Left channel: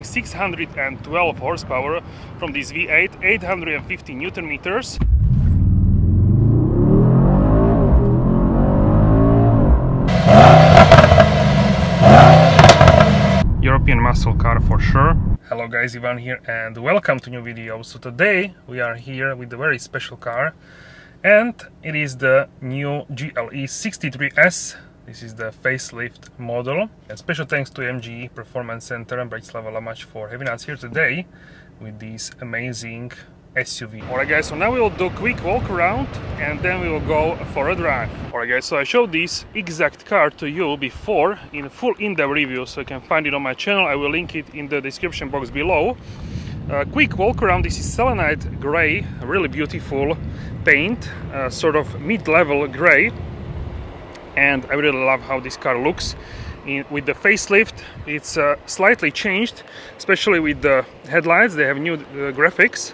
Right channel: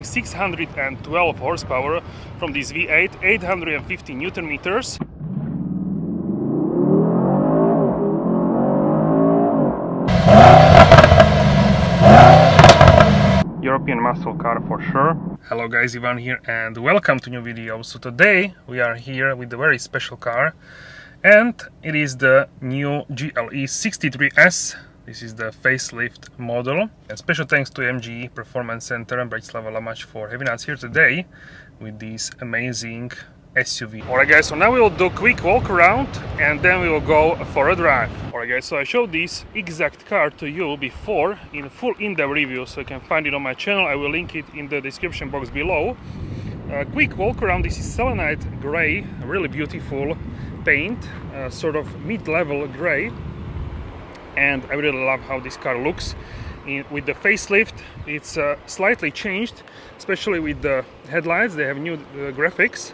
612 horsepower from this V8, 850 Newton meters. European muscle car for sure. Hello guys, Ivan here and welcome to new video. So today we are here with a very special car and it is the new GLE 63S. This is the facelift model. And special thanks to MG Performance Center and Bratislava-Lamač for having us here today with this amazing SUV. Alright guys, so now we will do a quick walk around and then we will go for a drive. Alright guys, so I showed this exact car to you before in full in-depth review, so you can find it on my channel. I will link it in the description box below. A quick walk around. This is selenite gray, really beautiful paint, sort of mid-level gray. And I really love how this car looks. With the facelift, it's slightly changed, especially with the headlights. They have new graphics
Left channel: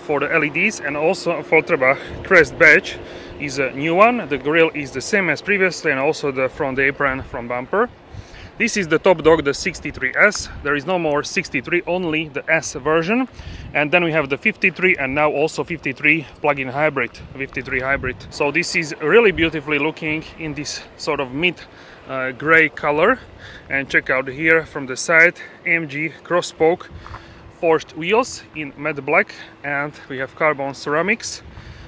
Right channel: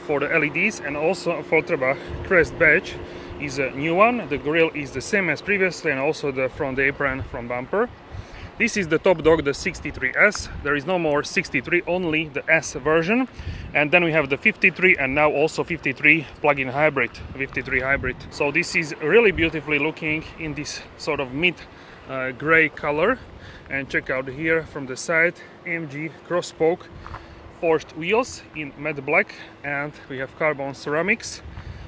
for the LEDs, and also AFFALTERBACH crest badge is a new one. The grille is the same as previously, and also the front apron, front bumper. This is the top dog, the 63S. There is no more 63, only the S version. And then we have the 53 and now also 53 plug-in hybrid, 53 hybrid. So this is really beautifully looking in this sort of mid gray color. And check out here from the side, AMG cross-spoke forged wheels in matte black, and we have carbon ceramics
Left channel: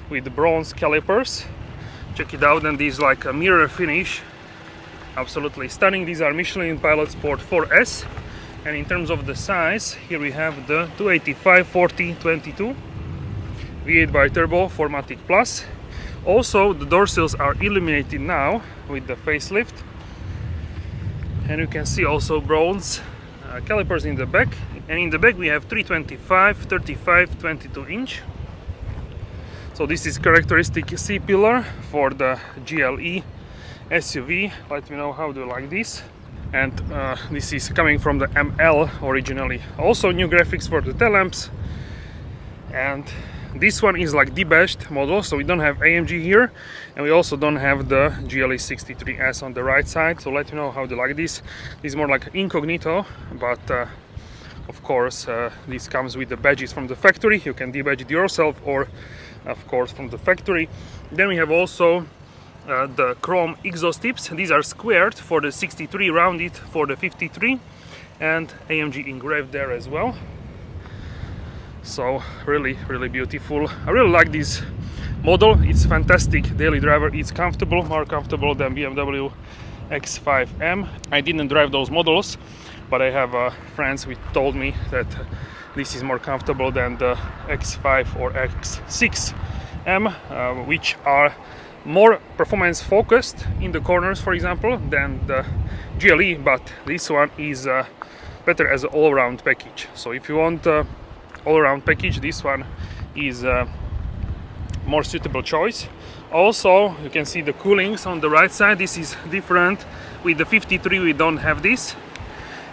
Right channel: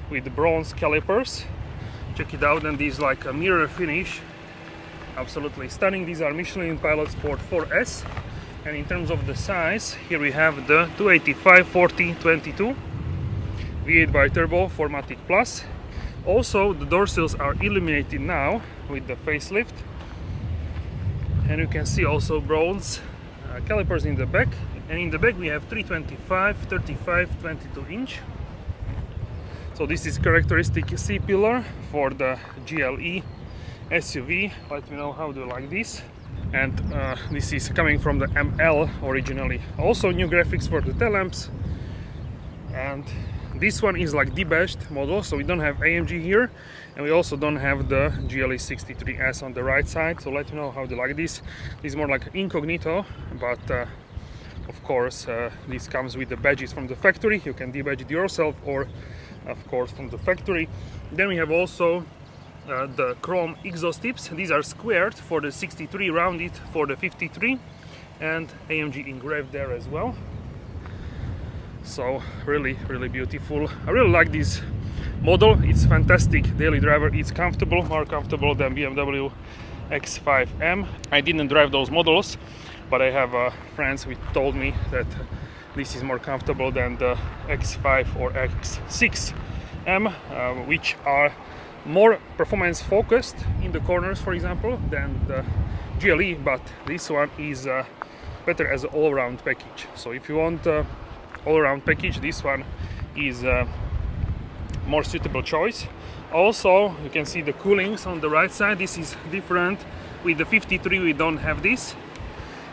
with bronze calipers. Check it out, and these like a mirror finish. Absolutely stunning. These are Michelin Pilot Sport 4S, and in terms of the size, here we have the 285/40/22 V8 bi-turbo 4MATIC Plus. Also, the door sills are illuminated now with the facelift, and you can see also bronze calipers in the back. And in the back we have 325/35/22 inch. So this is characteristic C-pillar for the GLE SUV. Let me know how do you like this. And this is coming from the ML originally. Also new graphics for the tail lamps, and this one is like debadged model, so we don't have AMG here, and we also don't have the GLE 63S on the right side. So let me know how do you like this. This is more like incognito, but of course this comes with the badges from the factory. You can debadge it yourself, or of course from the factory. Then we have also the chrome exhaust tips. These are squared for the 63, rounded for the 53, and AMG engraved there as well. So really beautiful. I really like this model. It's fantastic daily driver. It's comfortable, more comfortable than BMW X5M. I didn't drive those models, but I have friends who told me that this is more comfortable than the X5 or X6M, which are more performance focused in the corners, for example, than the GLE, but this one is better as an all-around package. So if you want all-around package, this one is a more suitable choice. Also, you can see the coolings on the right side. This is different. With the 53 we don't have this,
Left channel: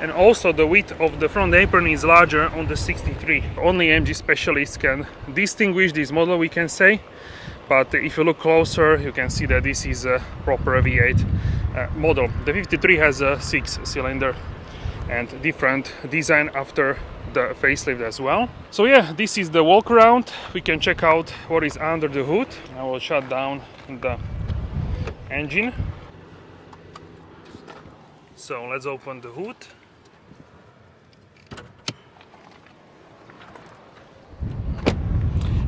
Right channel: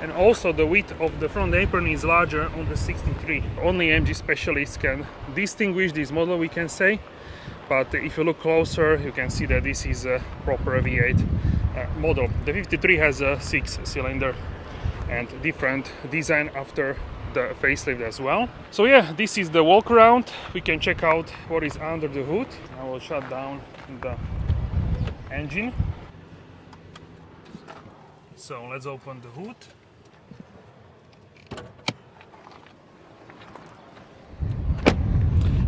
and also the width of the front apron is larger on the 63. Only AMG specialists can distinguish this model, we can say. But if you look closer, you can see that this is a proper V8 model. The 53 has a 6-cylinder and different design after the facelift as well. So yeah, this is the walk around. We can check out what is under the hood. I will shut down the engine. So let's open the hood.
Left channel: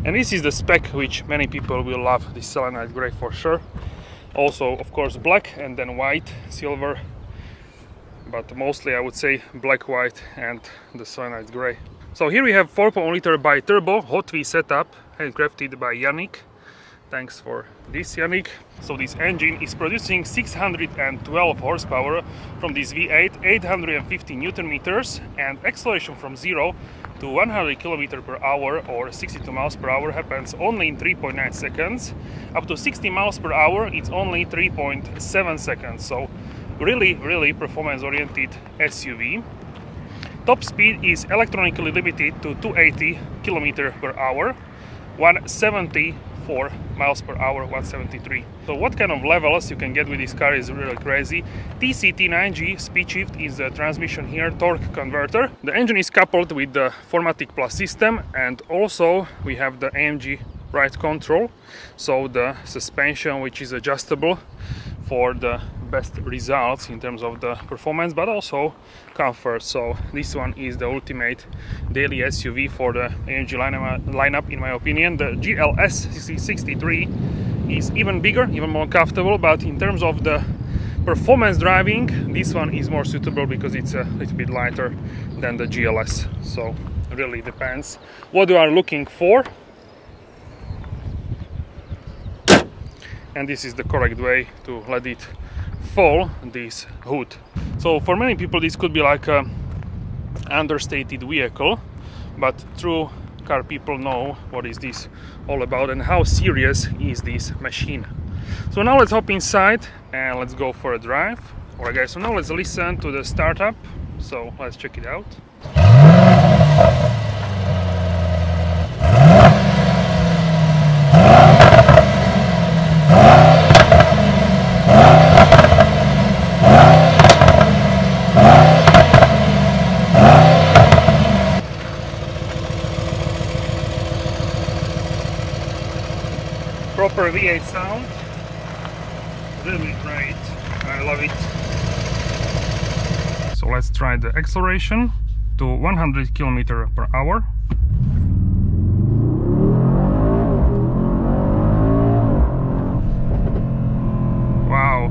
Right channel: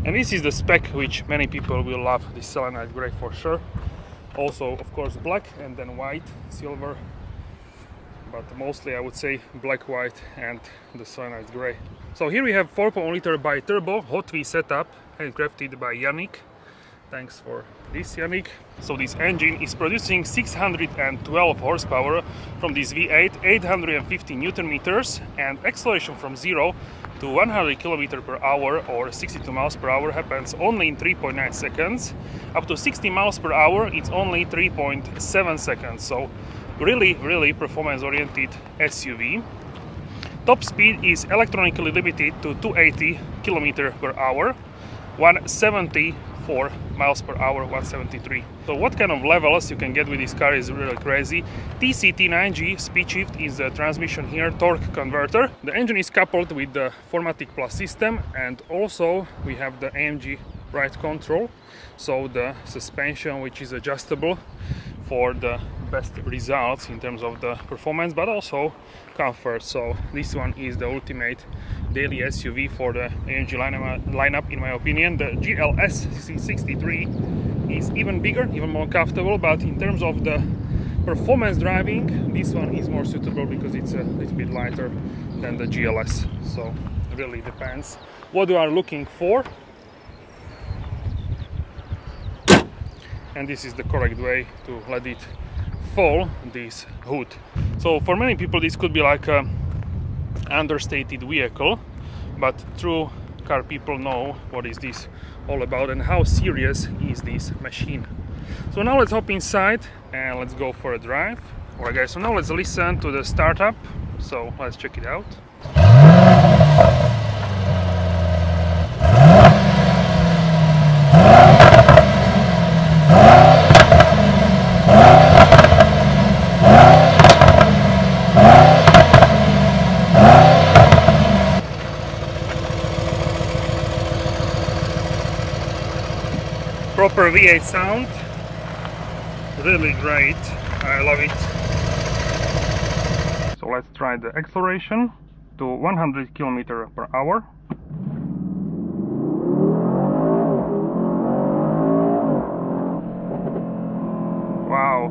And this is the spec which many people will love, this selenite gray for sure. Also, of course, black and then white, silver. But mostly I would say black, white and the selenite gray. So here we have 4.1-liter bi-turbo Hot V setup, handcrafted by Yannick. Thanks for this, Yannick. So this engine is producing 612 horsepower from this V8, 850 Newton meters, and acceleration from 0 to 100 km/h or 62 miles per hour happens only in 3.9 seconds. Up to 60 miles per hour, it's only 3.7 seconds. So really performance oriented SUV. Top speed is electronically limited to 280 km/h, 170 for miles per hour, 173. So what kind of levels you can get with this car is really crazy. TCT9G speed shift is the transmission here, torque converter. The engine is coupled with the 4MATIC Plus system, and also we have the AMG ride control, so the suspension which is adjustable for the best results in terms of the performance but also comfort. So this one is the ultimate daily SUV for the AMG lineup in my opinion. The GLS 63 is even bigger, even more comfortable, but in terms of the performance driving, this one is more suitable because it's a little bit lighter than the GLS. So it really depends what you are looking for. And this is the correct way to let it fall, this hood. So for many people this could be like a understated vehicle, but true car people know what is this all about and how serious is this machine. So now let's hop inside and let's go for a drive. Alright guys, so now let's listen to the startup, so let's check it out. Proper V8 sound, really great, I love it. So let's try the acceleration to 100 km/h. Wow!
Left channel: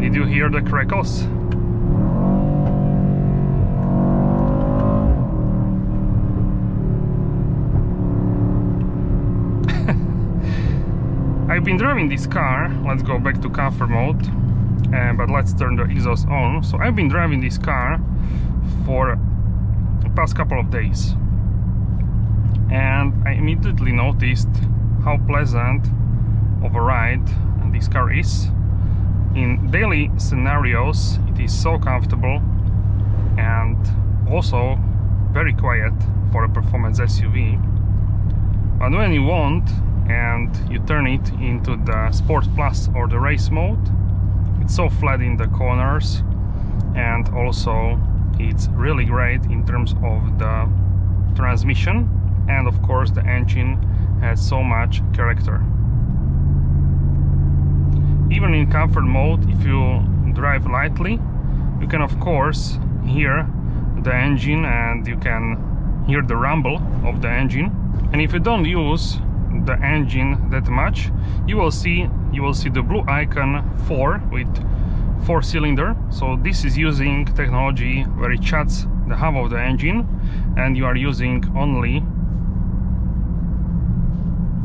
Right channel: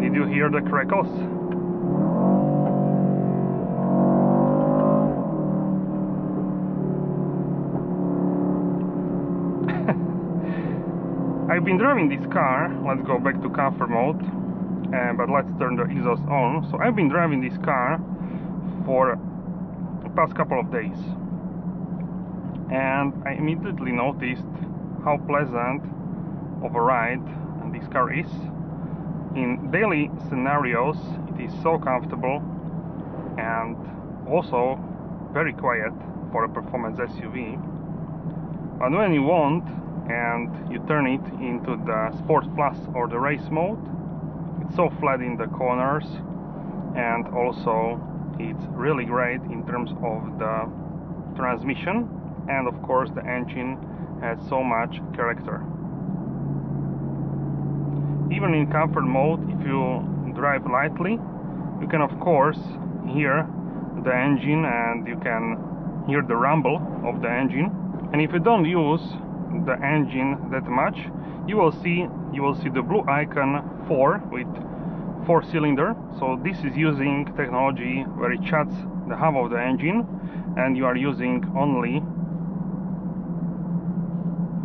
Did you hear the crackles? I've been driving this car, let's go back to comfort mode, but let's turn the exhaust on. So I've been driving this car for the past couple of days and I immediately noticed how pleasant of a ride this car is. In daily scenarios it is so comfortable and also very quiet for a performance SUV, but when you want and you turn it into the Sport Plus or the race mode, it's so flat in the corners, and also it's really great in terms of the transmission, and of course the engine has so much character. Even in comfort mode, if you drive lightly, you can of course hear the engine and you can hear the rumble of the engine. And if you don't use the engine that much, you will see the blue icon 4 with 4-cylinder. So this is using technology where it shuts the hub of the engine and you are using only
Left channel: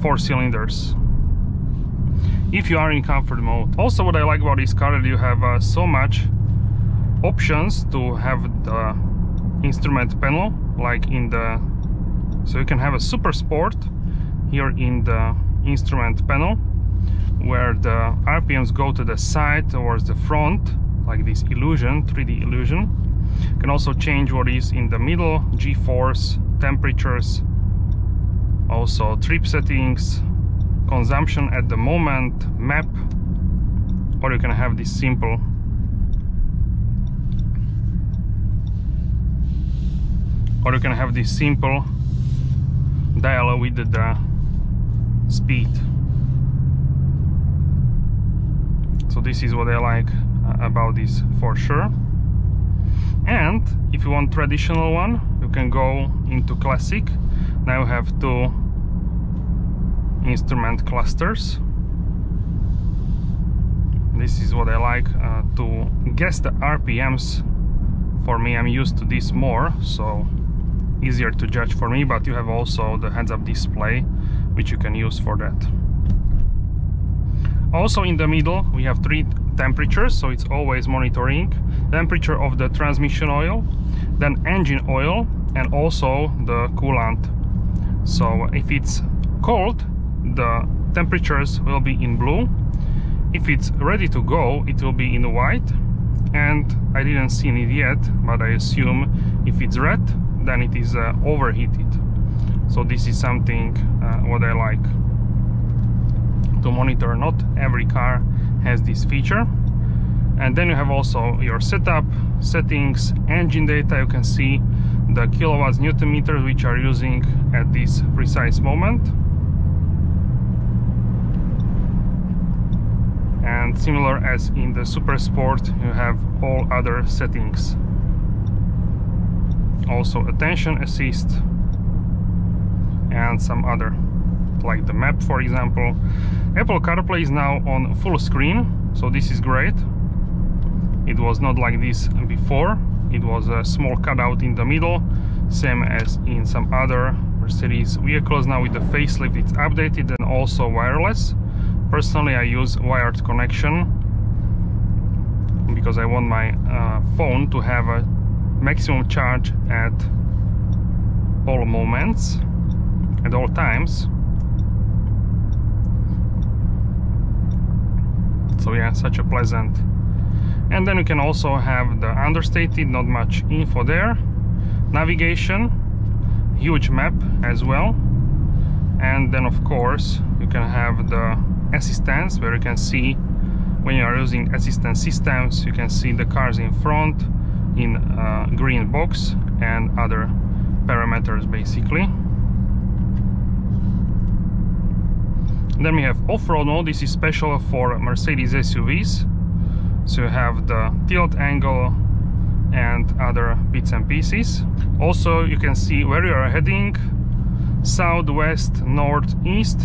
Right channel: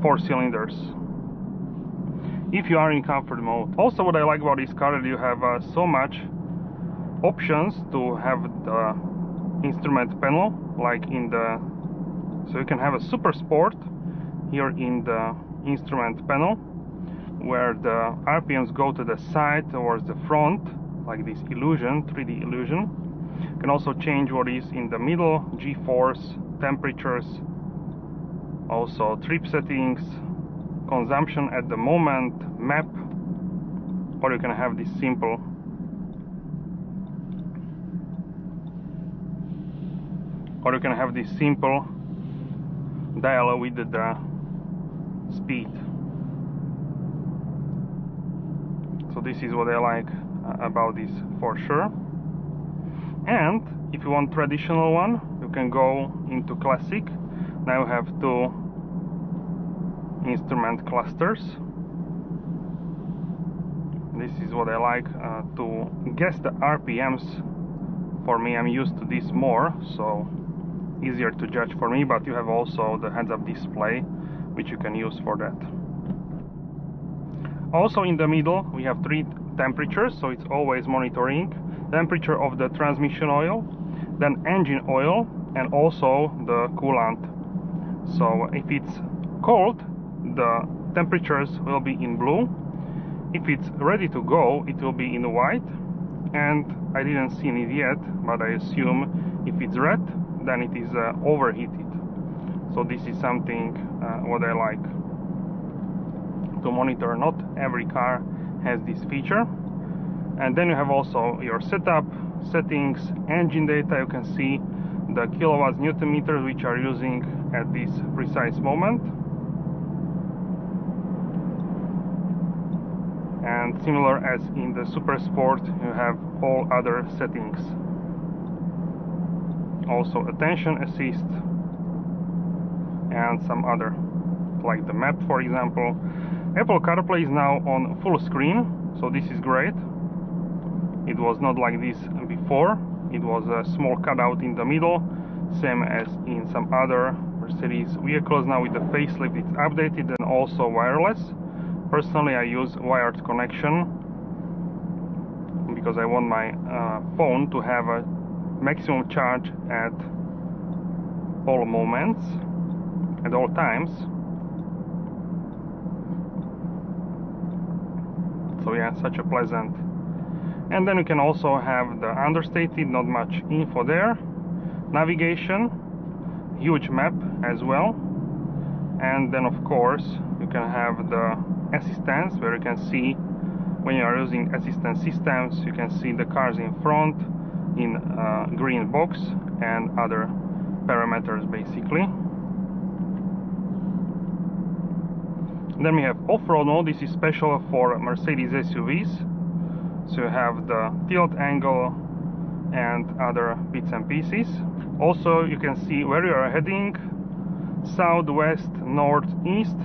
4 cylinders if you are in comfort mode. Also, what I like about this car is you have so much options to have the instrument panel, like in the, so you can have a super sport here in the instrument panel where the RPMs go to the side towards the front, like this illusion, 3D illusion. You can also change what is in the middle, G-force, temperatures, also trip settings, consumption at the moment, map, or you can have this simple dial with the speed. So this is what I like about this for sure. And if you want traditional one, you can go into classic. Now you have 2 instrument clusters. This is what I like to guess the RPMs. For me, I'm used to this more, so easier to judge for me, but you have also the heads-up display which you can use for that. Also in the middle we have 3 temperatures, so it's always monitoring temperature of the transmission oil, then engine oil, and also the coolant. So if it's cold, the temperatures will be in blue. If it's ready to go, it will be in white, and I didn't see it yet, but I assume if it's red, then it is overheated. So this is something what I like to monitor. Not every car has this feature. And then you have also your setup, settings, engine data. You can see the kilowatts, newton meters which are using at this precise moment. And similar as in the Super Sport, you have all other settings. Also attention assist and some other, like the map, for example. Apple CarPlay is now on full screen, so this is great. It was not like this before. It was a small cutout in the middle, same as in some other Mercedes vehicles. Now with the facelift it's updated and also wireless. Personally, I use wired connection because I want my phone to have a maximum charge at all moments, at all times. So yeah, such a pleasant. And then you can also have the understated, not much info there. Navigation, huge map as well. And then of course you can have the assistance, where you can see when you are using assistance systems, you can see the cars in front in green box and other parameters basically. Then we have off-road mode. This is special for Mercedes SUVs. So you have the tilt angle and other bits and pieces. Also you can see where you are heading, south, west, north, east.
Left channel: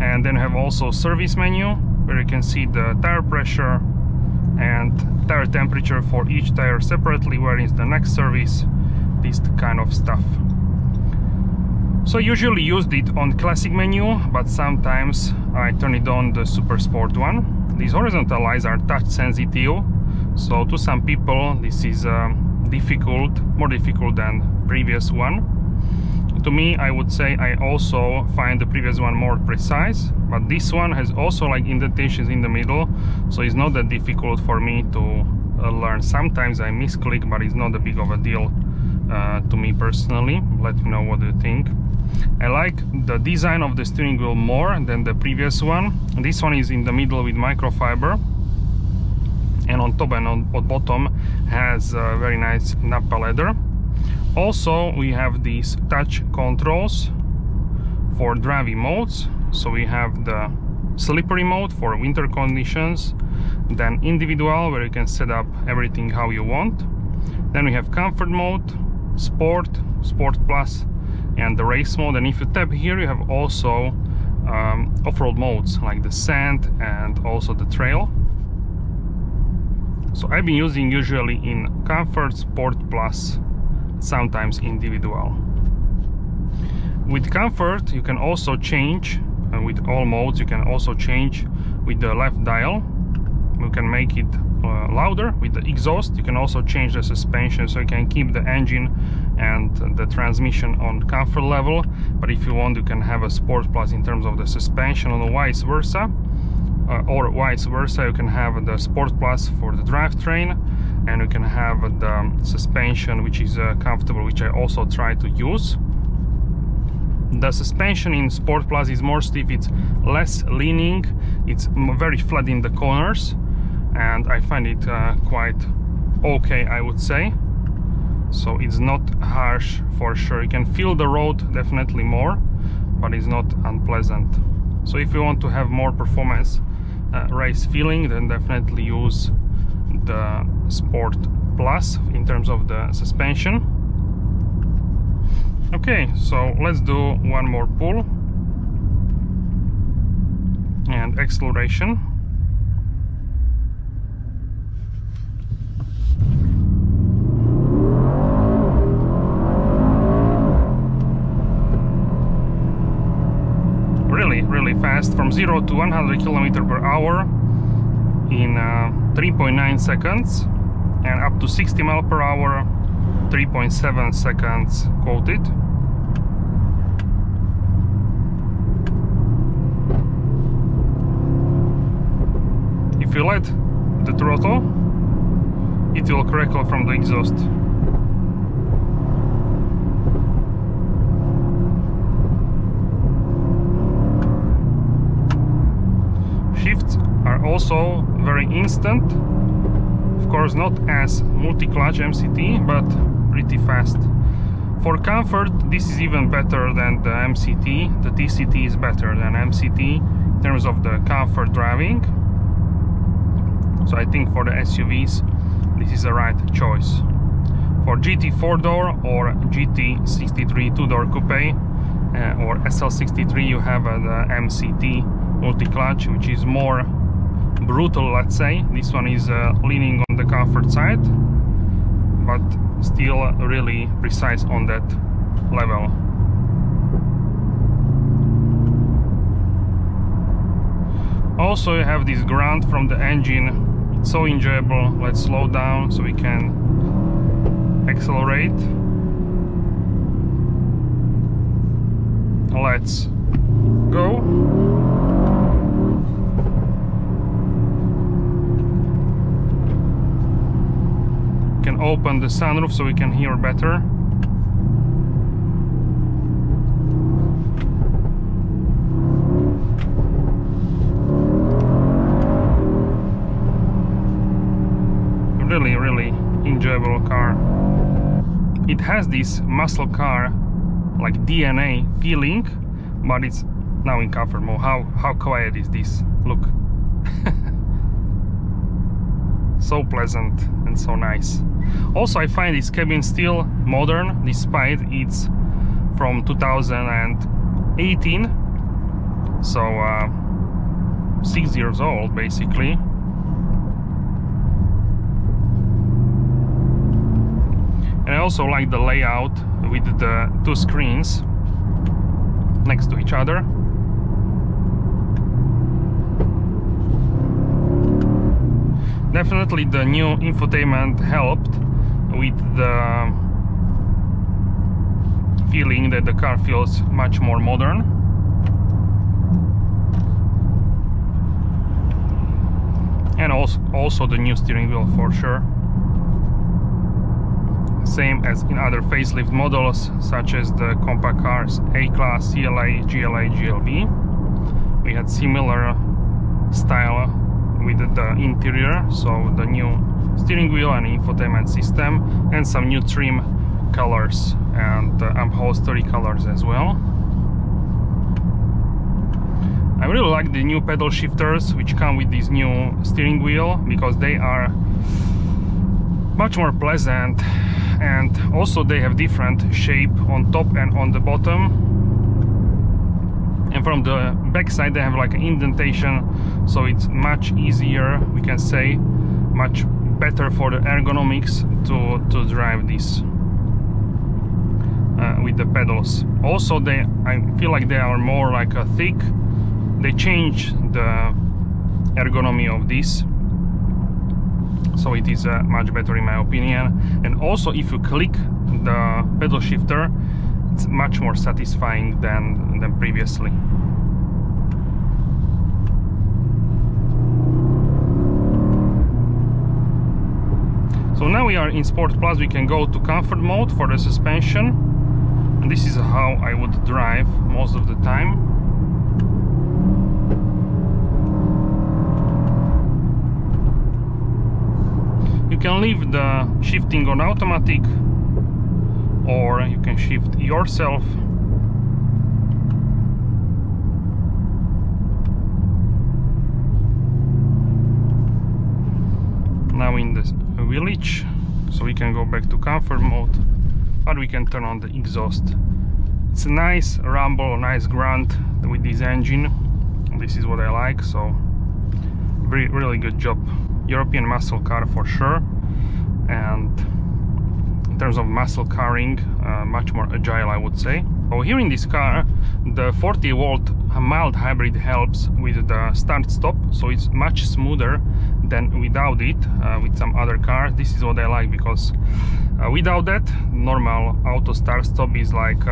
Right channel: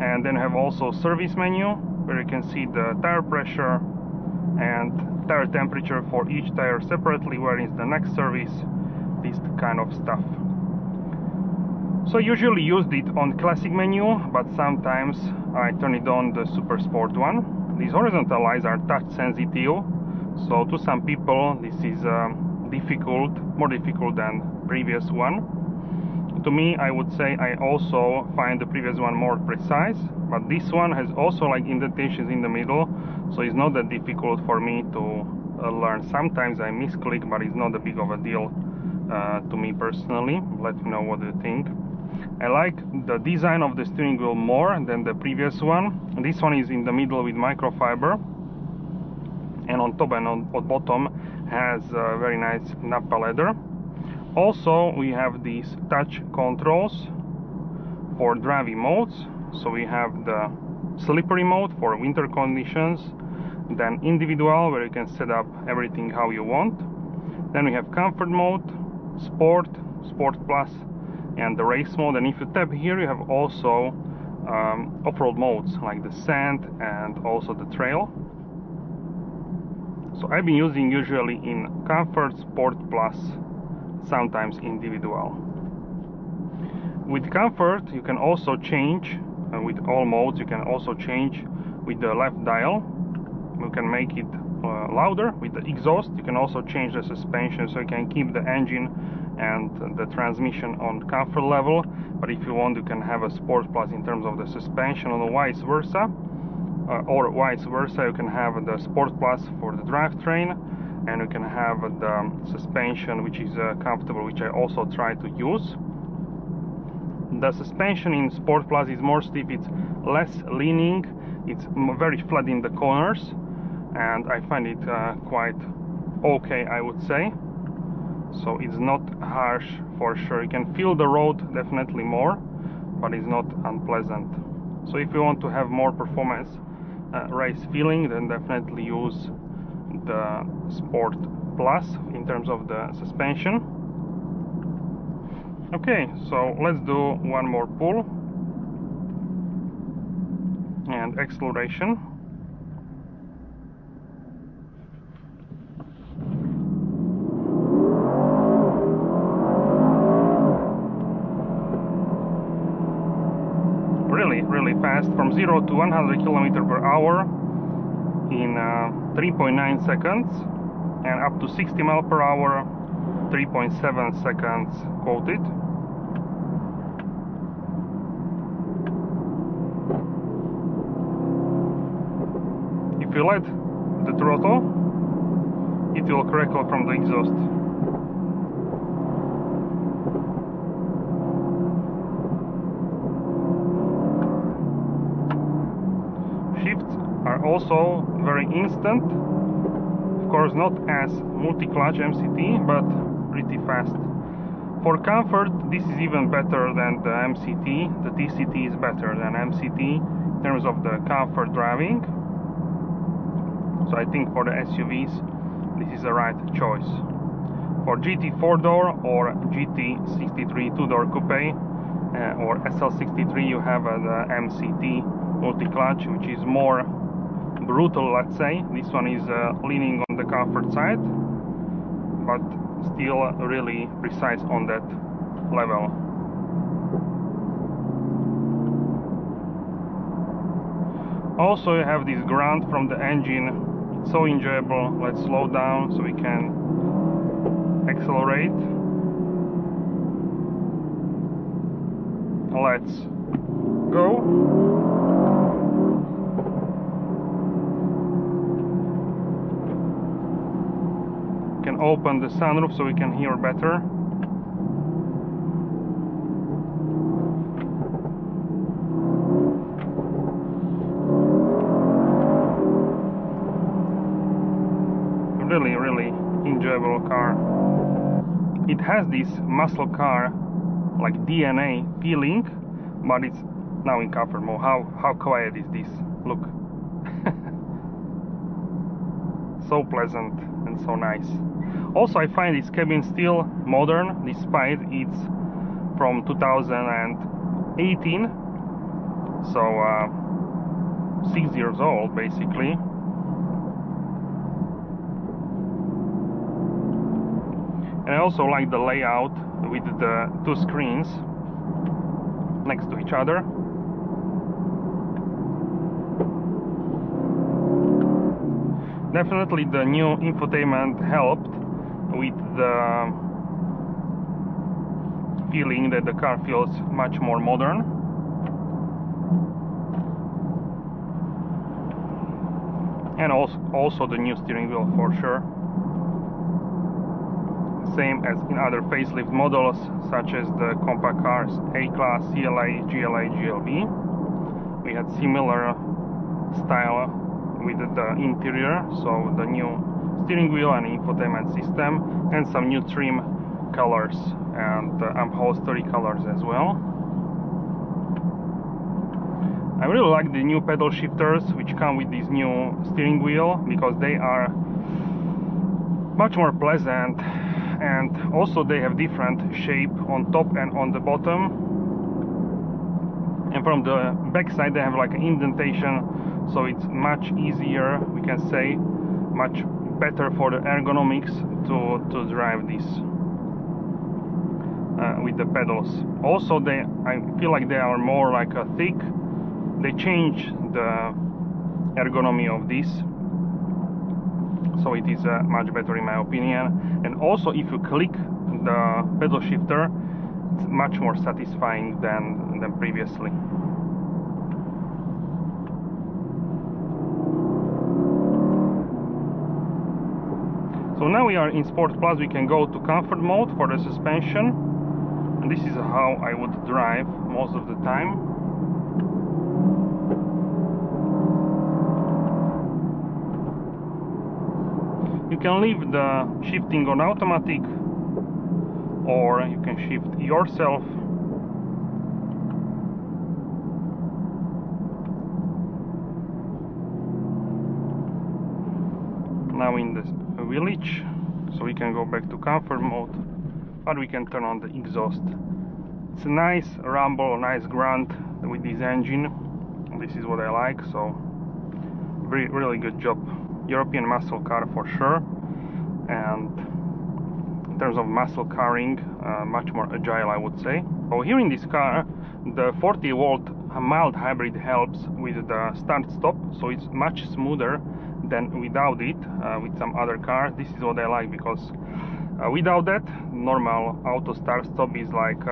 And then you have also service menu, where you can see the tire pressure and tire temperature for each tire separately, where is the next service, this kind of stuff. So I usually used it on classic menu, but sometimes I turn it on the Super Sport one. These horizontal lights are touch sensitive, so to some people this is difficult, more difficult than previous one. To me, I would say I also find the previous one more precise, but this one has also like indentations in the middle, so it's not that difficult for me to learn. Sometimes I misclick, but it's not a big of a deal to me personally. Let me know what you think. I like the design of the steering wheel more than the previous one. This one is in the middle with microfiber, and on top and on bottom has very nice Nappa leather. Also we have these touch controls for driving modes. So we have the slippery mode for winter conditions, then individual, where you can set up everything how you want. Then we have comfort mode, sport, sport plus, and the race mode. And if you tap here, you have also off-road modes like the sand and also the trail. So I've been using usually in comfort, sport plus, sometimes individual. With comfort you can also change, with all modes you can also change with the left dial. You can make it louder with the exhaust. You can also change the suspension, so you can keep the engine and the transmission on comfort level, but if you want you can have a sport plus in terms of the suspension, or vice versa, you can have the sport plus for the drivetrain, and you can have the suspension which is comfortable, which I also try to use. The suspension in Sport Plus is more stiff, it's less leaning, it's very flat in the corners, and I find it quite okay, I would say. So it's not harsh for sure. You can feel the road definitely more, but it's not unpleasant. So if you want to have more performance race feeling, then definitely use the Sport Plus in terms of the suspension. Okay, so let's do one more pull and acceleration. Really fast, from 0 to 100 km/h in 3.9 seconds, and up to 60 mph 3.7 seconds quoted. If you let the throttle, it will crackle from the exhaust. are also very instant. Of course, not as multi-clutch MCT, but pretty fast. For comfort, this is even better than the MCT. The TCT is better than MCT in terms of the comfort driving. So I think for the SUVs, this is the right choice. For GT 4-door or GT 63 2-door coupe or SL63, you have the MCT multi-clutch, which is more brutal, let's say. This one is leaning on the comfort side, but still really precise on that level. Also, you have this grunt from the engine. It's so enjoyable. Let's slow down so we can accelerate. Let's go. Can open the sunroof so we can hear better. Really enjoyable car. It has this muscle car like DNA feeling, but it's now in comfort mode. How quiet is this? Look. So pleasant and so nice. Also, I find this cabin still modern despite it's from 2018, so 6 years old basically. And I also like the layout with the two screens next to each other. Definitely the new infotainment helped with the feeling that the car feels much more modern. And also the new steering wheel for sure. Same as in other facelift models such as the compact cars A-Class, CLA, GLA, GLB. We had similar style with the interior, so the new steering wheel and infotainment system, and some new trim colors and upholstery colors as well. I really like the new pedal shifters which come with this new steering wheel, because they are much more pleasant, and also they have different shape on top and on the bottom. And from the back side they have like an indentation, so it's much easier, we can say, much better for the ergonomics to drive this with the pedals. Also I feel like they are more like a thick. They change the ergonomy of this, so it is much better in my opinion. And also if you click the pedal shifter, it's much more satisfying than previously. So now we are in Sport Plus. We can go to comfort mode for the suspension, and this is how I would drive most of the time. You can leave the shifting on automatic, or you can shift yourself. Now in the village, so we can go back to comfort mode, but we can turn on the exhaust. It's a nice rumble, nice grunt with this engine. This is what I like, so really good job. European muscle car for sure, and in terms of muscle carring, much more agile, I would say. So here in this car, the 40-volt mild hybrid helps with the start-stop, so it's much smoother than without it with some other cars. This is what I like, because without that, normal auto start-stop is like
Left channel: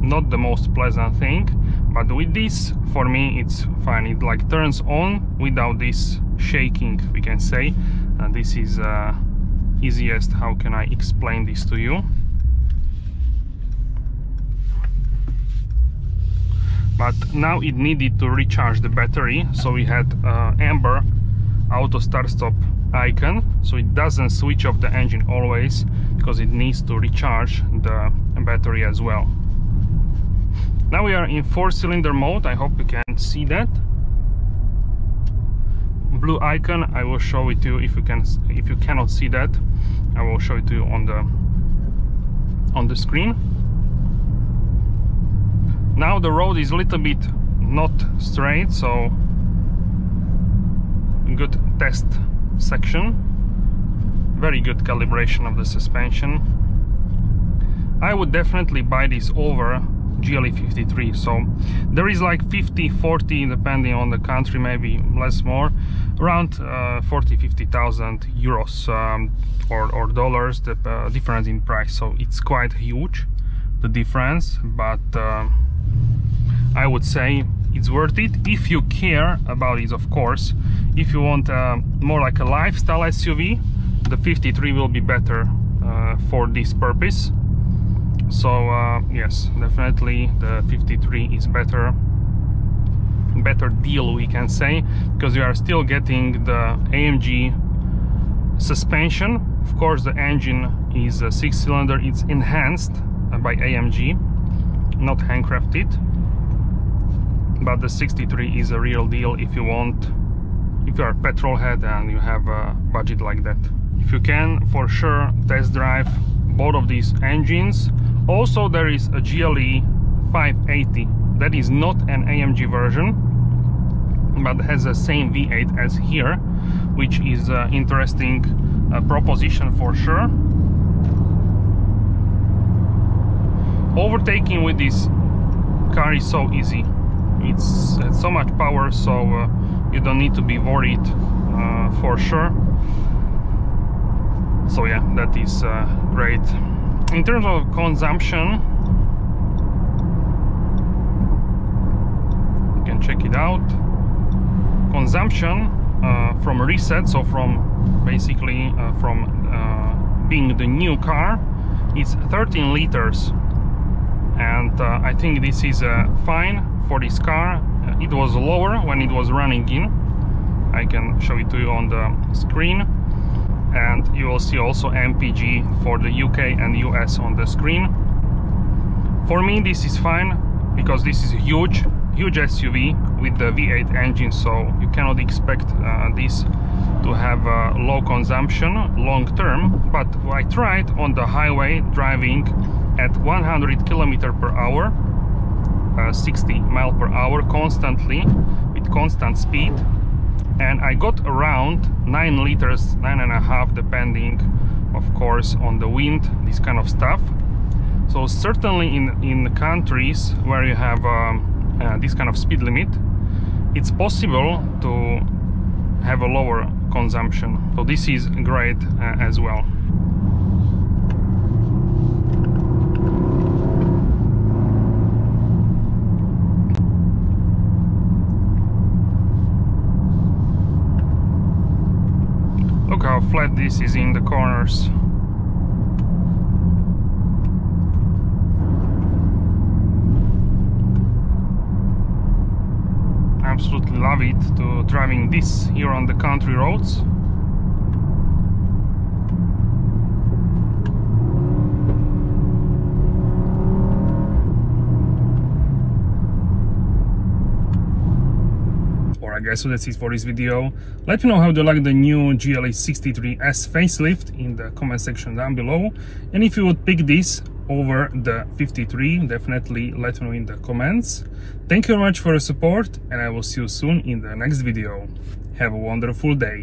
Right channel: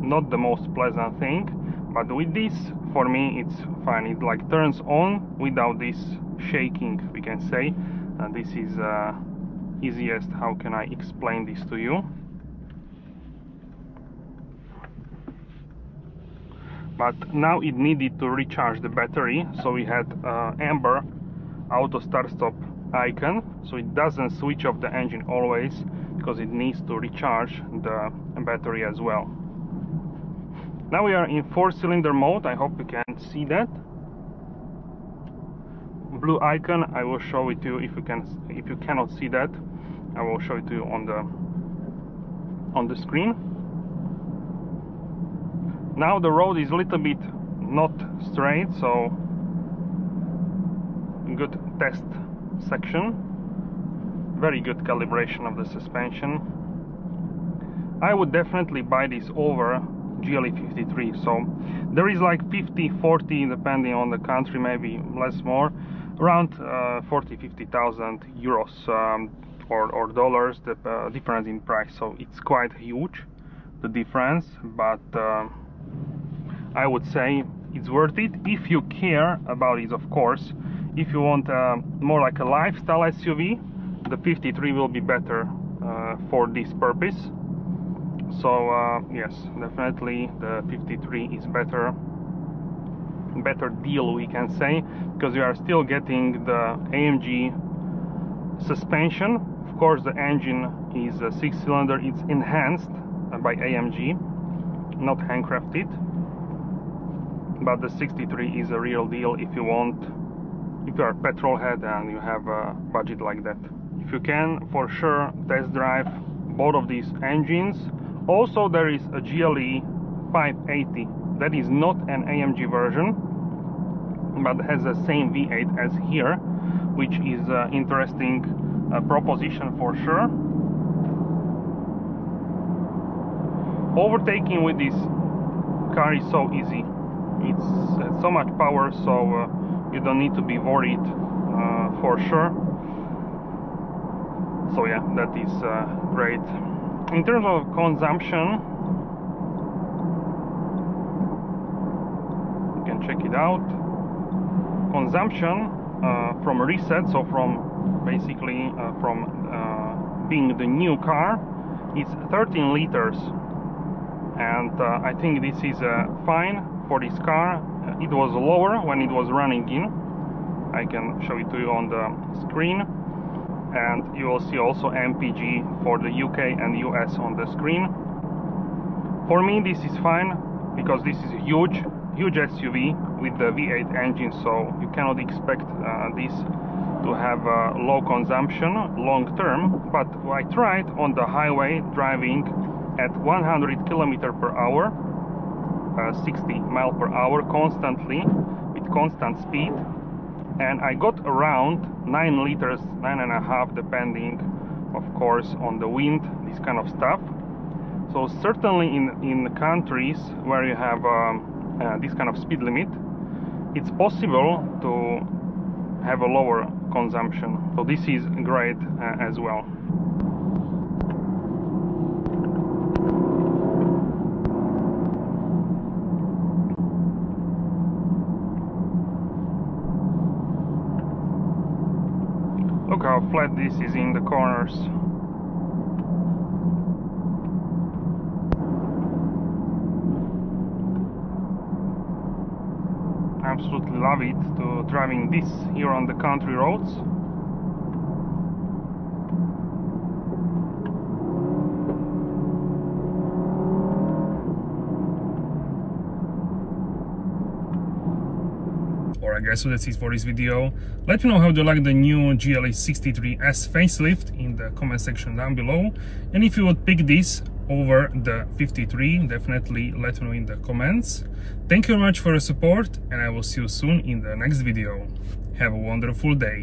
not the most pleasant thing, but with this, for me, it's fine. It like turns on without this shaking, we can say. This is easiest. How can I explain this to you? but now it needed to recharge the battery, so we had amber auto start stop icon, so it doesn't switch off the engine always, because it needs to recharge the battery as well. Now we are in 4-cylinder mode. I hope you can see that blue icon. I will show it to you. If you cannot see that, I will show it to you on the screen. Now the road is a little bit not straight, so good test section, very good calibration of the suspension. I would definitely buy this over GLE 53. So there is like 50-40 depending on the country, maybe less more, around 40-50,000 euros or dollars, the difference in price. So it's quite huge, the difference, but I would say it's worth it if you care about it, of course. If you want more like a lifestyle SUV, the 53 will be better for this purpose. So yes, definitely the 53 is better deal, we can say, because you are still getting the AMG suspension. Of course, the engine is a 6-cylinder. It's enhanced by AMG, not handcrafted, but the 63 is a real deal if you are a petrol head and you have a budget like that. If you can, for sure test drive both of these engines. Also, there is a GLE 580 that is not an AMG version, but has the same V8 as here, which is an interesting proposition for sure. Overtaking with this car is so easy. It's so much power, so you don't need to be worried for sure. So yeah, that is great. In terms of consumption, you can check it out. Consumption from reset, so from basically from being the new car, it's 13 liters, and I think this is fine for this car. It was lower when it was running in. I can show it to you on the screen, and you will see also MPG for the UK and US on the screen. For me this is fine, because this is a huge SUV with the V8 engine, so you cannot expect this to have low consumption long term. But I tried on the highway driving at 100 km per hour, 60 miles per hour constantly with constant speed, and I got around 9 liters, 9.5, depending of course on the wind, this kind of stuff. So certainly in countries where you have this kind of speed limit, it's possible to have a lower consumption. So this is great as well. Look how flat this is in the corners. Absolutely love it to driving this here on the country roads. Alright guys, so that's it for this video. Let me know how you like the new GLE 63S facelift in the comment section down below, and if you would pick this over the 53, definitely let me know in the comments. Thank you very much for your support, and I will see you soon in the next video. Have a wonderful day.